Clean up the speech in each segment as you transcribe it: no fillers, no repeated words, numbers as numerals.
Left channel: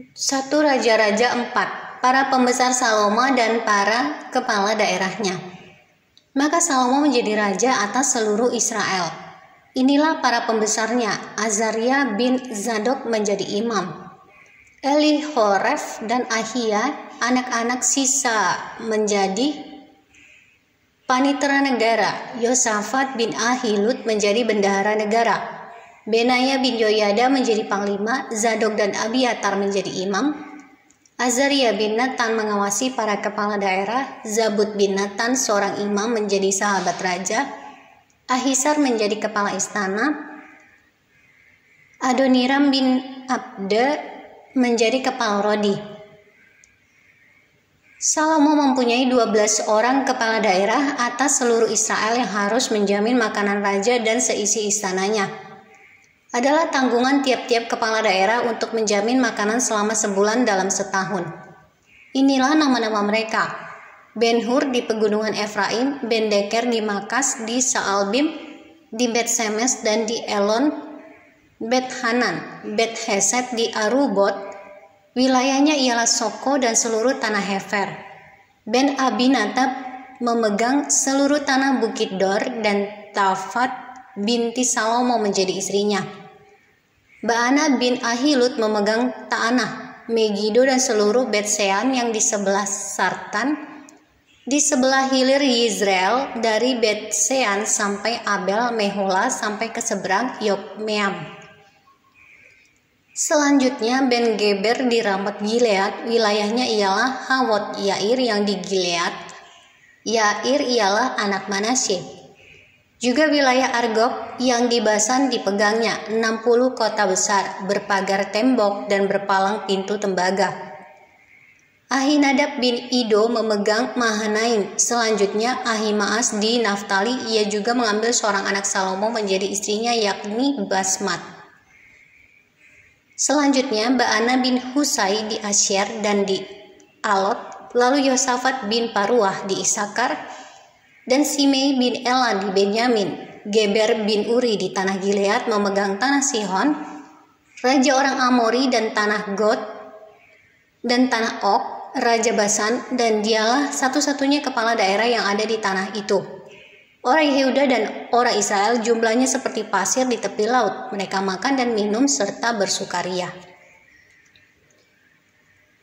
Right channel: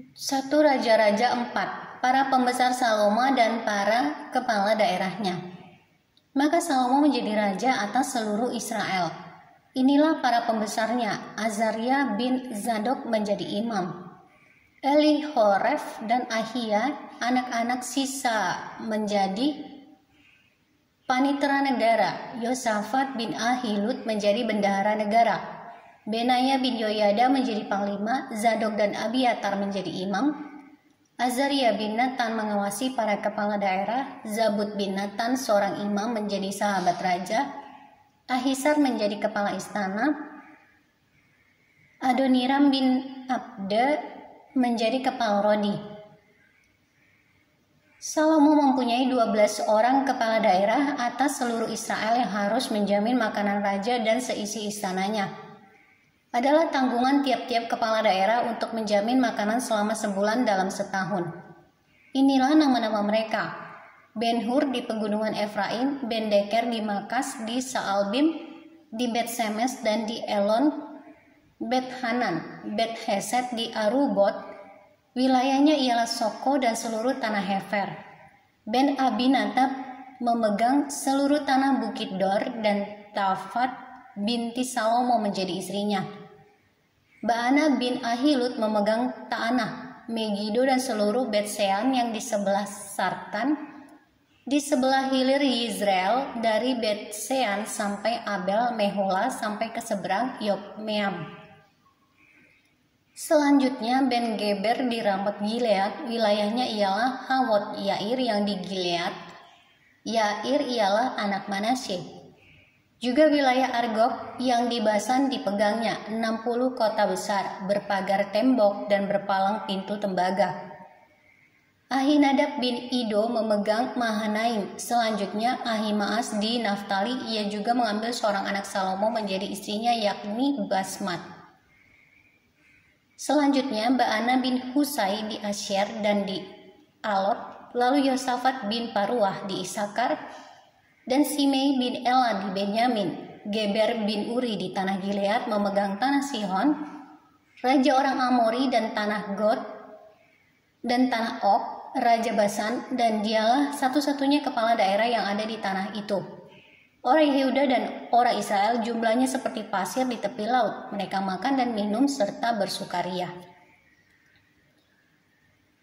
1 Raja-Raja 4, para pembesar Salomo dan para kepala daerahnya. Maka Salomo menjadi raja atas seluruh Israel. Inilah para pembesarnya: Azaria bin Zadok menjadi imam, Elihoref dan Ahia anak-anak sisa menjadi panitera negara, Yosafat bin Ahilud menjadi bendahara negara, Benaya bin Yoyada menjadi panglima, Zadok dan Abiatar menjadi imam, Azaria bin Natan mengawasi para kepala daerah, Zabud bin Natan seorang imam menjadi sahabat raja, Ahisar menjadi kepala istana, Adoniram bin Abda menjadi kepala rodi. Salomo mempunyai 12 orang kepala daerah atas seluruh Israel yang harus menjamin makanan raja dan seisi istananya. Adalah tanggungan tiap-tiap kepala daerah untuk menjamin makanan selama sebulan dalam setahun. Inilah nama-nama mereka: Ben-Hur di pegunungan Efraim, Ben-Deker di Makas, di Saalbim, di Bet-Semes dan di Elon, Bet-Hanan, Bet-Heset di Arubot, wilayahnya ialah Soko dan seluruh tanah Hefer. Ben-Abinadab memegang seluruh tanah Bukit Dor, dan Tafat binti Salomo menjadi istrinya. Baana bin Ahilud memegang tanah Megido dan seluruh Bet-Sean yang di sebelah Sartan, di sebelah hilir Yizreel, dari Bet-Sean sampai Abel Mehola sampai ke seberang Yokmeam. Selanjutnya Ben-Geber di Ramot Gilead, wilayahnya ialah Hawot Yair yang di Gilead. Yair ialah anak Manasye. Juga wilayah Argob yang di Basan dipegangnya, 60 kota besar, berpagar tembok dan berpalang pintu tembaga. Ahinadab bin Ido memegang Mahanaim. Selanjutnya Ahimaas di Naftali, ia juga mengambil seorang anak Salomo menjadi istrinya, yakni Basmat. Selanjutnya Baana bin Husai di Asyer dan di Alot, lalu Yosafat bin Paruah di Isakar, dan Simei bin Ela di Benyamin. Geber bin Uri di tanah Gilead memegang tanah Sihon, raja orang Amori, dan tanah Gad dan tanah Og, raja Basan, dan dialah satu-satunya kepala daerah yang ada di tanah itu. Orang Yehuda dan orang Israel jumlahnya seperti pasir di tepi laut. Mereka makan dan minum serta bersukaria.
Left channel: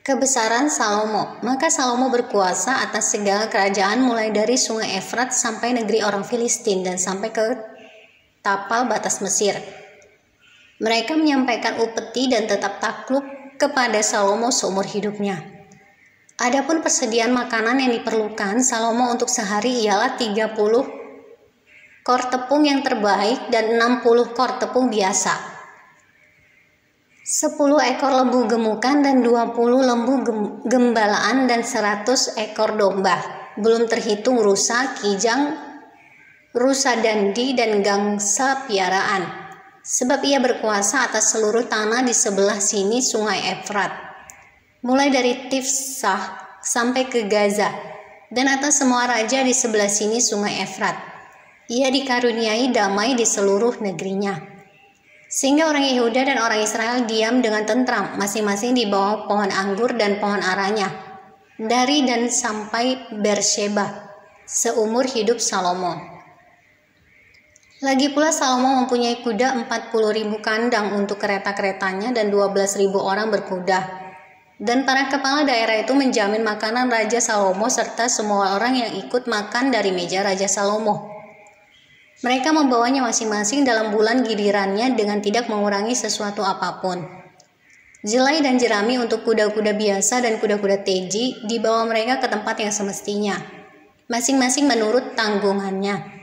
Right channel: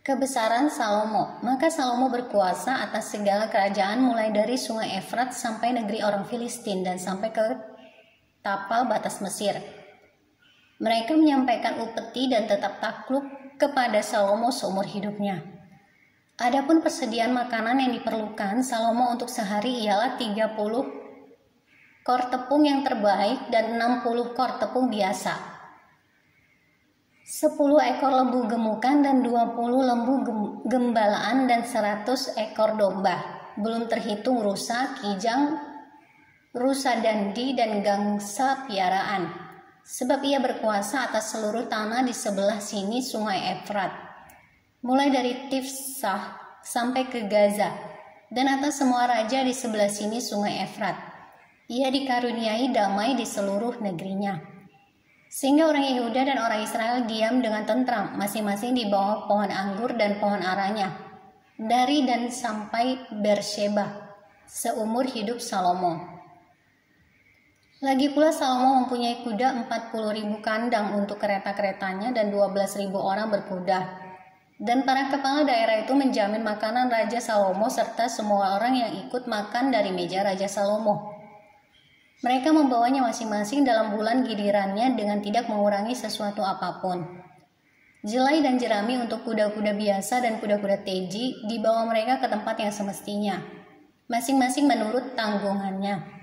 Kebesaran Salomo. Maka Salomo berkuasa atas segala kerajaan mulai dari sungai Efrat sampai negeri orang Filistin dan sampai ke tapal batas Mesir. Mereka menyampaikan upeti dan tetap takluk kepada Salomo seumur hidupnya. Adapun persediaan makanan yang diperlukan Salomo untuk sehari ialah 30 kor tepung yang terbaik dan 60 kor tepung biasa, 10 ekor lembu gemukan dan 20 lembu gembalaan dan 100 ekor domba, belum terhitung rusa, kijang, rusa dandi dan gangsa piaraan, sebab ia berkuasa atas seluruh tanah di sebelah sini sungai Efrat, mulai dari Tifsah sampai ke Gaza, dan atas semua raja di sebelah sini sungai Efrat. Ia dikaruniai damai di seluruh negerinya. Sehingga orang Yehuda dan orang Israel diam dengan tentram, masing-masing di bawah pohon anggur dan pohon aranya, dari dan sampai Bersheba, seumur hidup Salomo. Lagi pula Salomo mempunyai kuda 40.000 kandang untuk kereta-keretanya dan 12.000 orang berkuda. Dan para kepala daerah itu menjamin makanan Raja Salomo serta semua orang yang ikut makan dari meja Raja Salomo. Mereka membawanya masing-masing dalam bulan gilirannya dengan tidak mengurangi sesuatu apapun. Jelai dan jerami untuk kuda-kuda biasa dan kuda-kuda teji dibawa mereka ke tempat yang semestinya, masing-masing menurut tanggungannya.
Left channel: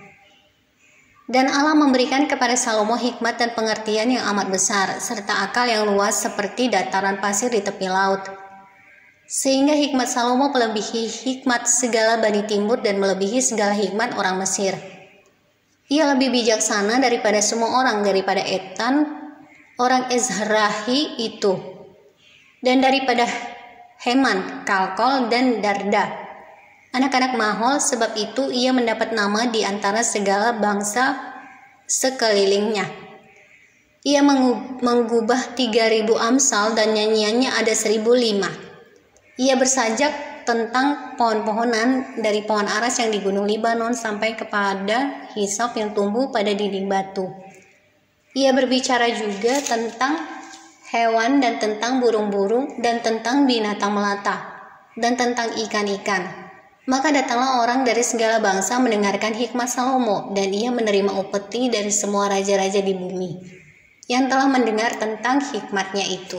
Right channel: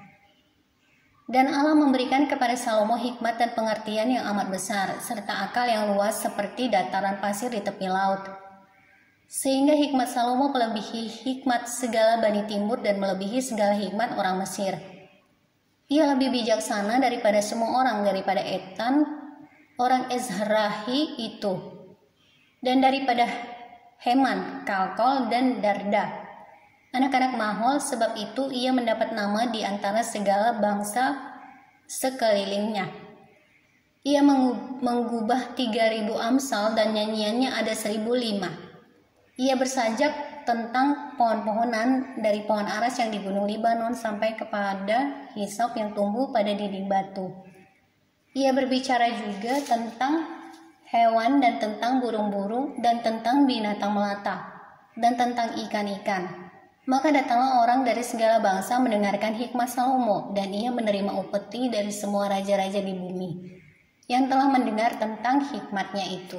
Dan Allah memberikan kepada Salomo hikmat dan pengertian yang amat besar, serta akal yang luas seperti dataran pasir di tepi laut. Sehingga hikmat Salomo melebihi hikmat segala Bani Timur dan melebihi segala hikmat orang Mesir. Ia lebih bijaksana daripada semua orang, daripada Etan, orang Ezrahi itu, dan daripada Heman, Kalkol, dan Darda, anak-anak Mahol. Sebab itu ia mendapat nama di antara segala bangsa sekelilingnya. Ia menggubah 3.000 amsal dan nyanyiannya ada 1.005. Ia bersajak tentang pohon-pohonan dari pohon aras yang di Gunung Libanon sampai kepada hisop yang tumbuh pada dinding batu. Ia berbicara juga tentang hewan dan tentang burung-burung dan tentang binatang melata dan tentang ikan-ikan. Maka datanglah orang dari segala bangsa mendengarkan hikmat Salomo, dan ia menerima upeti dari semua raja-raja di bumi yang telah mendengar tentang hikmatnya itu.